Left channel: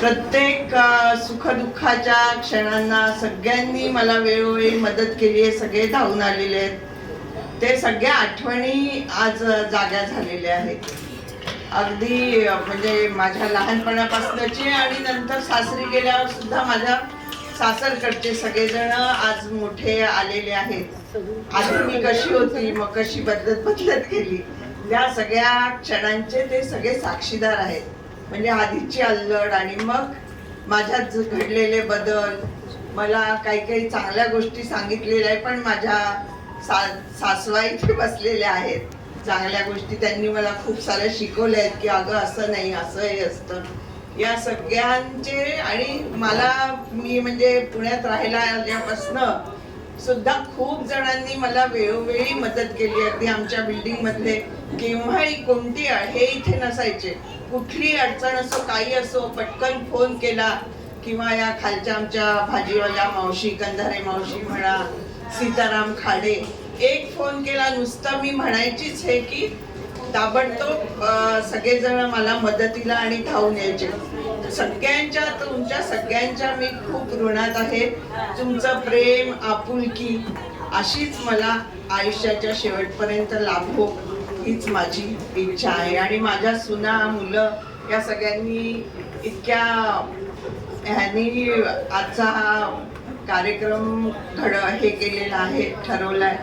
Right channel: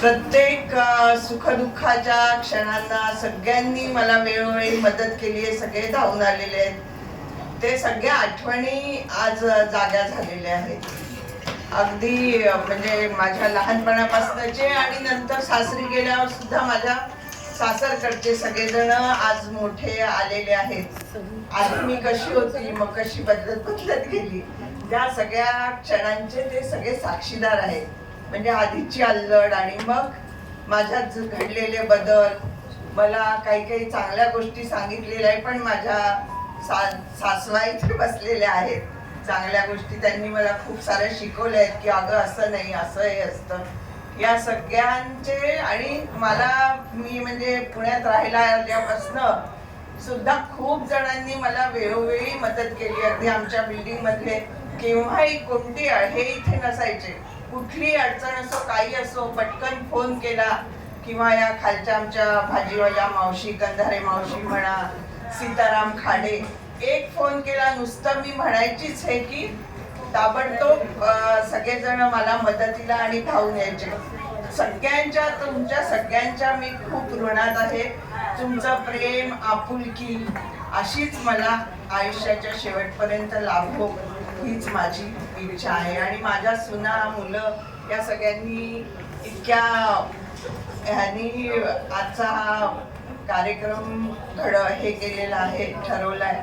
प्रत्येक सुखदुःखाच्या क्षणांना सगळ्यांनी मला वेळोवेळी मदत केली आहे. सगळे धावून आलेले आहेत. ते सगळ्या आठवणी आज जाग्या झालेल्या आहेत. अगदी म्हणजे माझ्या लहानपणापासूनचे आणि नंतर सासरी गेल्यावर सुद्धा माझ्या सासरकडचे सगळेजण आज मोठे आलेले आहेत. आधी मी कशी होती, मग कशी बदलत गेली, त्या सगळ्या क्षणांचे ते सगळे साक्षीदार आहेत. म्हणजे आधीची अल्लड आणि मग माझ्यात घडलेले बदल, मला काही काही चांगल्या गोष्टी सांगितलेल्या आहे. पण माझ्या सासवा इथे बसलेल्या आहेत. चांगल्या गोष्टी त्यांनी मला खूप साऱ्या शिकवल्या आहेत की अगं असं नाही, असंही असतं. या सगळ्यांचे आणि मी म्हणजे पुण्यात राहायला आल्यापासनं सुद्धा खूप जणांनी मला वेळोवेळी मदत केली. अगदी आमच्या बिल्डिंग मध्ये केव्हाही कोणती हे इथे नसायचे, कुठली अडचण असो काही असो पटकन फोन केला किंवा या खालच्या आमच्या भाजीवाल्या मावशी, कंधारे मावशी म्हणा, सीताराम खाडे, एक फोन केला नुसतं मी म्हणायचीच हे की ताबडतोब सगळेजण मला मदतीला आणि धावून यायचे. तुमच्या सगळ्यांच्या मी खूप ऋणात आहे. तुमचं प्रेम, आपुलकी अशीच मला आयुष्याच्या शेवटपर्यंत लाभो हीच माझी इच्छा आहे. आणि माझ्या सुना, मुलं या सगळ्यांनी इतक्या ह्यांनी आजचा हा कार्यक्रम हे केलेला आहे, ठरवलाय.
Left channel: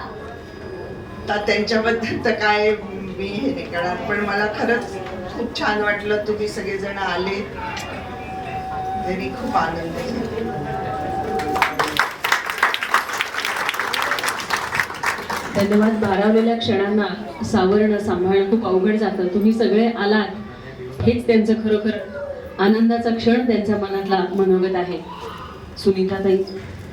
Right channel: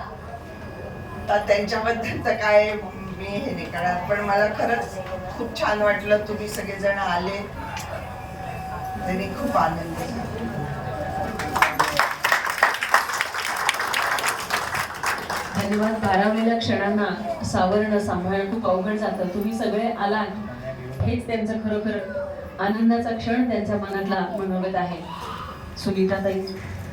तर त्यांच्याबद्दल तर काय मी हे नाही करणार. पण मला खरंच खूप छान वाटलं, तुम्ही सगळेजण आले, तरी खूप आनंद झाला. धन्यवाद. भारावलेल्या क्षणांना सावरणं, सांभाळणं खूप अवघड जातं. तुम्ही सगळे आलात हेच त्यांचं खरोखर आनंदाचा क्षण त्यांच्या मनातला मनोगत आहे. सुनीताताई.